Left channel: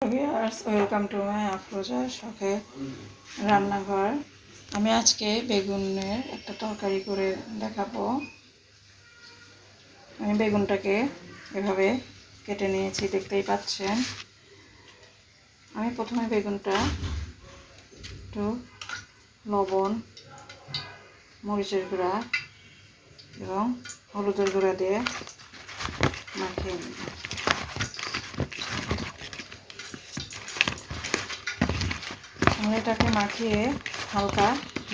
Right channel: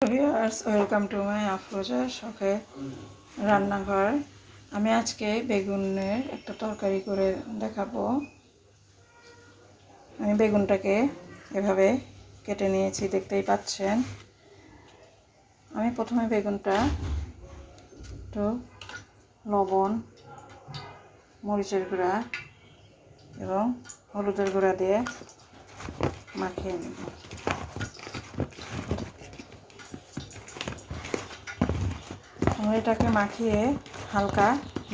Viewers, welcome to my Afroza শখের রান্নাঘর। আমি আজকে বেগুনের একটা তরকারি করে দেখাবো। আমি বেগুনটাকে এভাবে কেটে নিয়েছি, দেখতেই পাচ্ছেন। আমি প্রথমে বেগুনটা একটু লবণ, মরিচের গুঁড়া এবং হলুদের গুঁড়া দিয়ে মাখিয়ে নেব। আমি এটাকে মাখিয়ে হালকা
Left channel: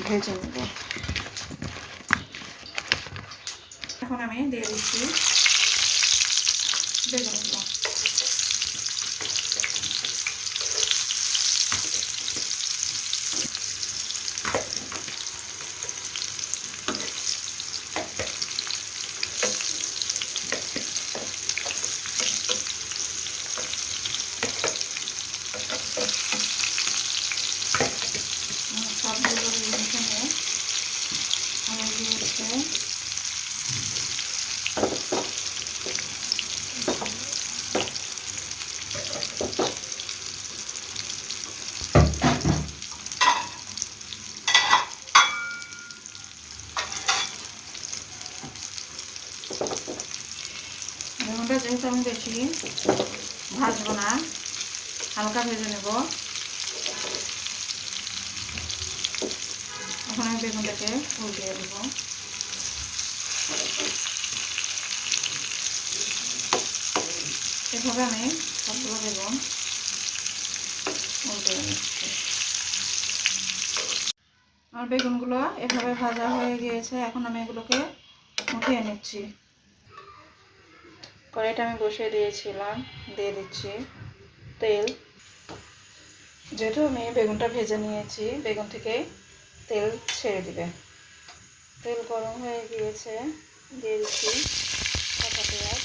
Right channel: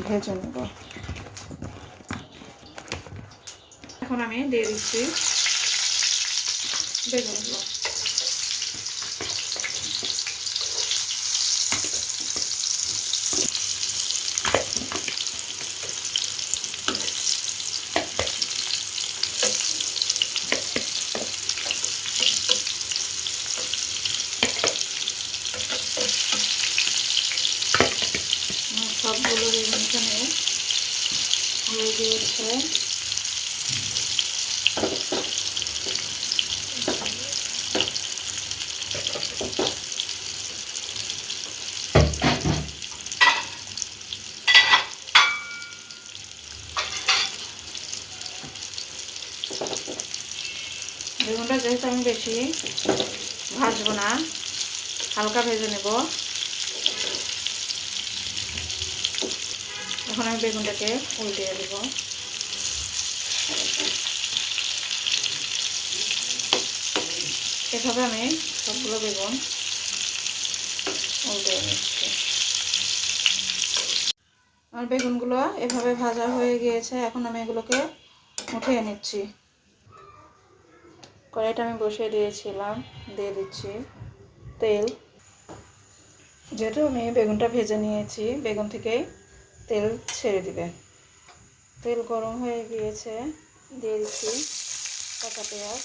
ভেজে নেব। এখন আমি দিয়ে দিচ্ছি বেগুনগুলো। সবগুলো এখানে হয়ে গিয়েছে। বেগুনটা যেহেতু আমি বেশি ভাজবো না, হালকা ভেজে নেব। এখন আমি বেগুনটাকে উল্টিয়ে দেব। এভাবে আমি সবগুলো বেগুন উল্টিয়ে নিচ্ছি। আর বেগুনগুলো এভাবে ভাজা হয়ে গিয়েছে। এখন আমি এগুলোকে উঠিয়ে নিচ্ছি। কড়াইটা আমি বসিয়ে দিয়েছিলাম, দিয়ে দিচ্ছি তেল। যেহেতু আমি বেগুনটা ভেজে নিয়েছি, বেগুন থেকে তেল ছেড়ে দিবে। তেল গরম হয়ে গিয়েছে, দিয়ে দিচ্ছি কাঁচা পেঁয়াজ।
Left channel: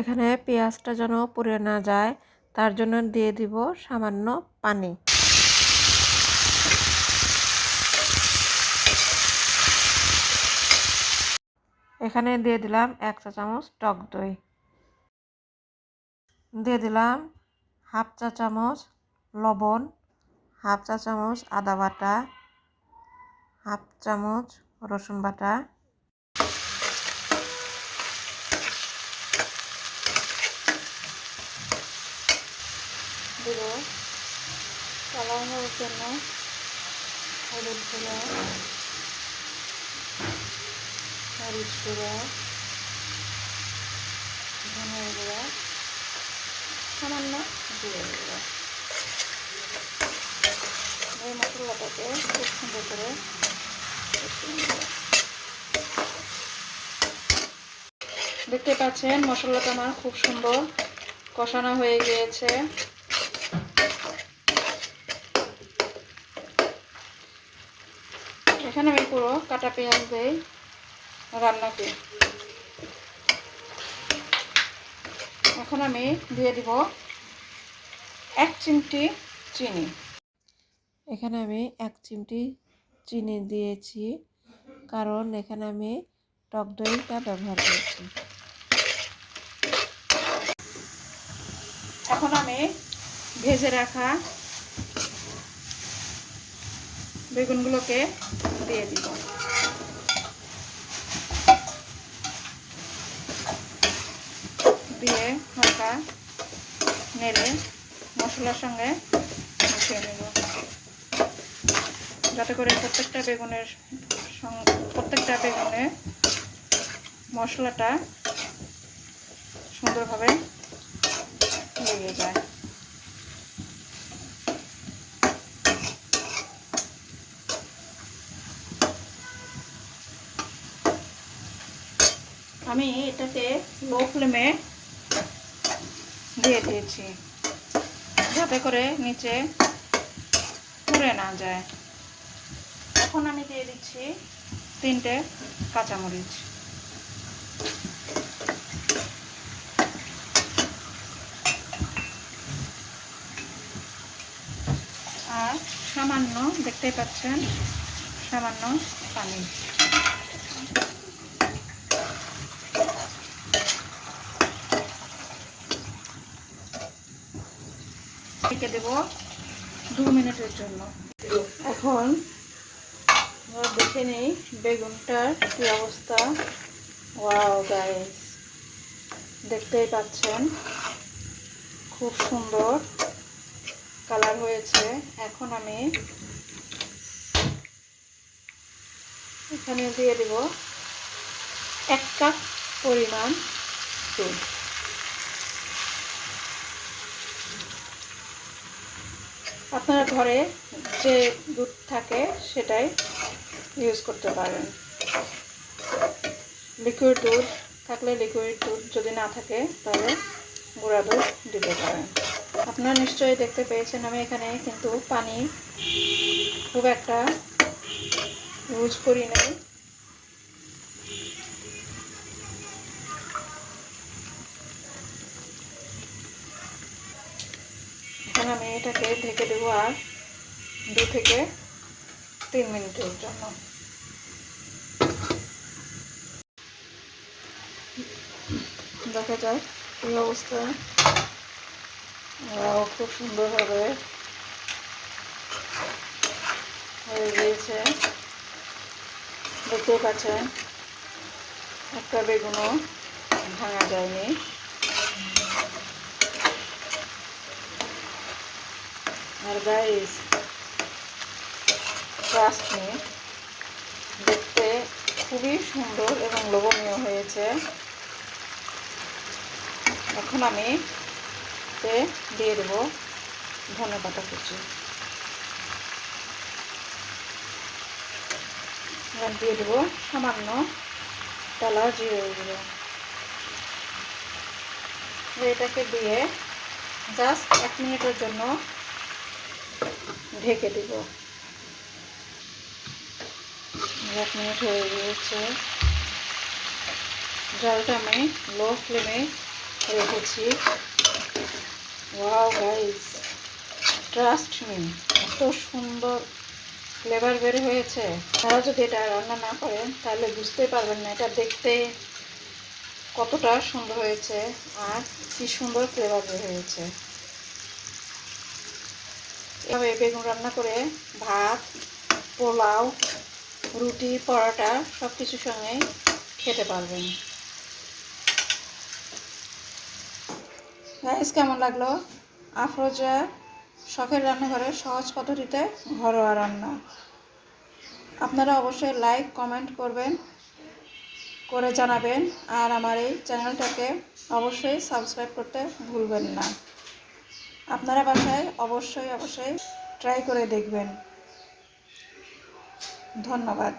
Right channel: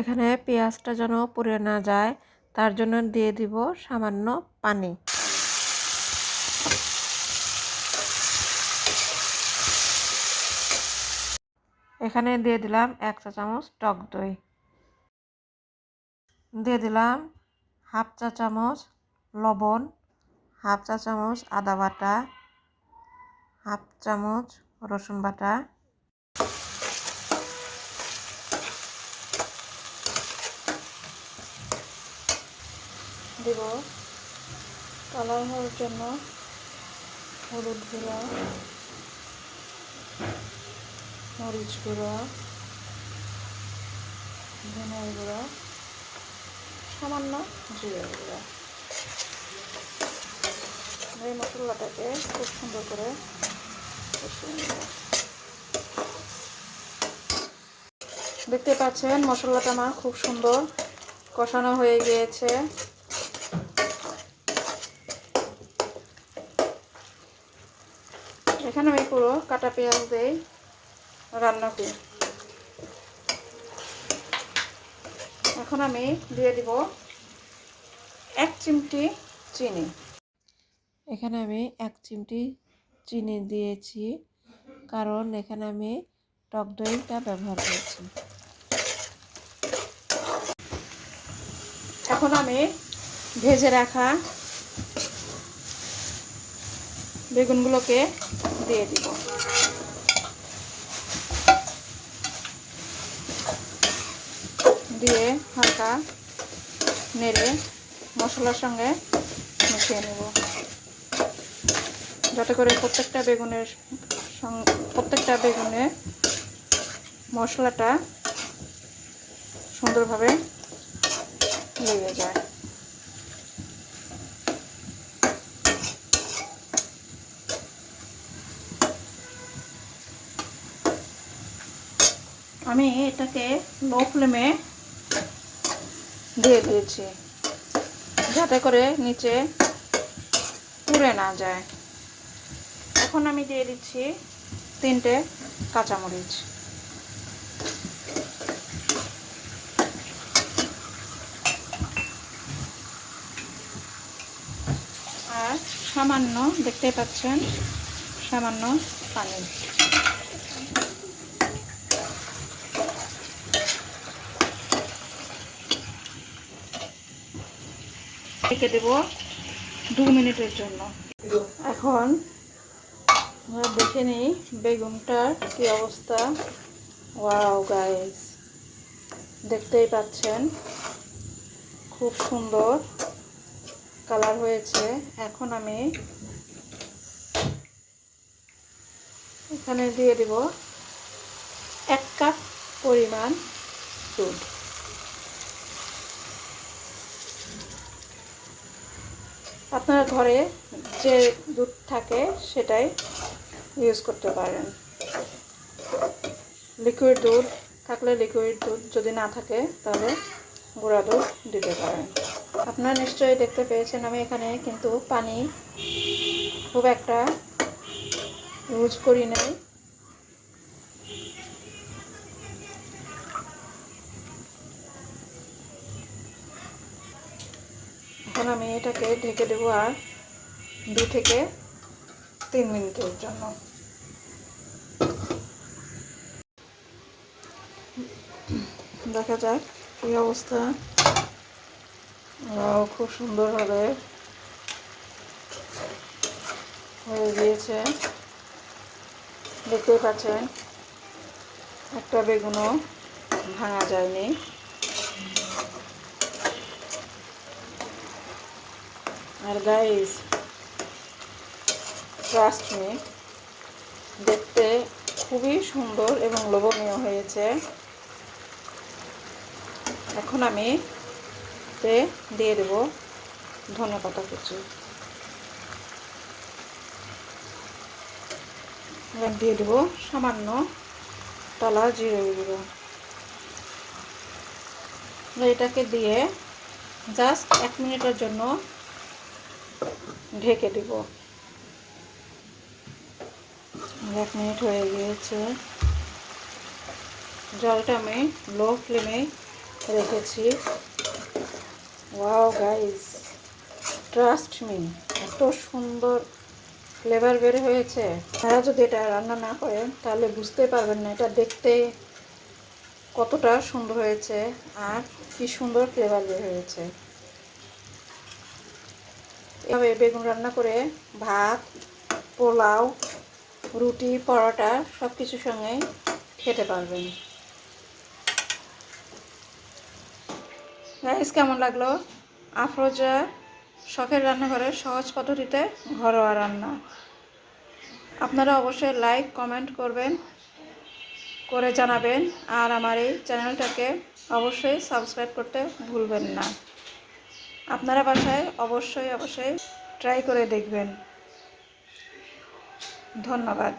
এখানে পেঁয়াজটা যেন পুড়ে না যায়, তার জন্য দিয়ে দিব সামান্য পানি। এখানে দিয়ে দিলাম 1 চা চামচ টক দই, দিয়ে দিলাম 1/2 চা চামচ লবণ, 1/2 চা চামচ আদা বাটা, 1/2 চামচ রসুন বাটা, দিব কালার হওয়ার জন্য হলুদ গুঁড়া, মরিচ গুঁড়া, ধনের গুঁড়া, সামান্য জিরের গুঁড়া। এই মশলাটাকে খুব সুন্দর করে কষিয়ে নেব। দেখতে পাচ্ছেন মশলাটা আমার খুব সুন্দর কষানো হয়ে গিয়েছে। এখানে আমি পুরো কাটা পেঁয়াজ দিয়ে রান্না করি। এখন আমি দিয়ে দিব 1 চিমটি চিনি। এখানে আমি 1 চিমটি চিনি দিয়েছি, কারণ এখানে আমি টক দইটা ব্যবহার করেছি। এখন আমি ভেজে রাখা বেগুনগুলোকে দিয়ে দিব। দিয়ে হালকা নেড়ে মশলার সঙ্গে মিশিয়ে নেব, যাতে করে প্রত্যেকটা বেগুনে মশলাটা সুন্দরভাবে লেগে যায়। আমি এটাকে লো ফ্লেমে দিয়ে দিয়েছি, যাতে করে নিচে পুড়ে না যায়। এখন আমি দিয়ে দিচ্ছি 3টে কাঁচামরিচ। সামান্য, দেখতেই পাচ্ছেন, সামান্য পানি। রেখে দেব 2 মিনিটের জন্য। এখন আমরা দেখে নিই বেগুনটার কি অবস্থা। ওয়াও গাইস, দেখতেই পাচ্ছেন খুব সুন্দর কালার হয়েছে। এখন আমি এখানে দিয়ে দেব 1 কাপ পরিমাণ দুধ। আপনার ঘরে যে দুধ থাকে সেটাই ইউজ করতে পারেন। লিকুইড দুধ থাকলে লিকুইড দুধ, যদি না থাকে তাহলে গুঁড়া দুধ দিতে পারেন। আপনারা নিশ্চয়ই দেখতে পেয়েছেন আমি এখানে কিন্তু পানি খুব একটা ইউজ করি নাই। এখন আমি এটাকে ঢেকে দেবো আর 2 থেকে 3 মিনিটের জন্য। দেখা যাক এই অবস্থা। খুব সুন্দরভাবে হয়ে গিয়েছে, দেখতেই পাচ্ছেন একটা বেগুনও ভাঙা যায়নি। আর গাইস, ট্রাস্ট মি, দেখতে খুবই সুন্দর এবং লোভনীয় হয়েছে। এখন আমি দিয়ে দেব ধনেপাতা কুচি, দিয়ে দেব সামান্য টালা জিরে গুঁড়ো। এটাকে দিয়ে জাস্ট 1 মিনিটের জন্য ঢেকে দিব। 1 মিনিট হয়ে গিয়েছে। জালটা আমি লো ফ্লেমে রেখেছি। ওয়াও গাইস, ট্রাস্ট মি, এত সুন্দর ফ্লেভার বের হয়েছে। আপনারা যদি এটা রান্না না করেন তাহলে বুঝতে পারবেন না এটা দেখতে কতটা সুন্দর হয়েছে আর কি সুন্দর ফ্লেভার বের হয়েছে। এভাবে বেগুন রান্না করে ভাত, পোলাও, রুটি, পরোটা সব কিছুর সঙ্গে খেতে পারবেন। গাইস, কেমন লাগলো আফরোজা শখের রান্নাঘরের সহজ পদ্ধতিতে ঘরোয়া রান্না? আপনারা অবশ্যই লাইক কমেন্ট করবেন, করে জানাবেন, আর আমার এই চ্যানেলটাকে অবশ্যই সাবস্ক্রাইব করতে ভুলবেন না। আপনারা বাসায় অবশ্যই ট্রাই করে দেখবেন। ধন্যবাদ।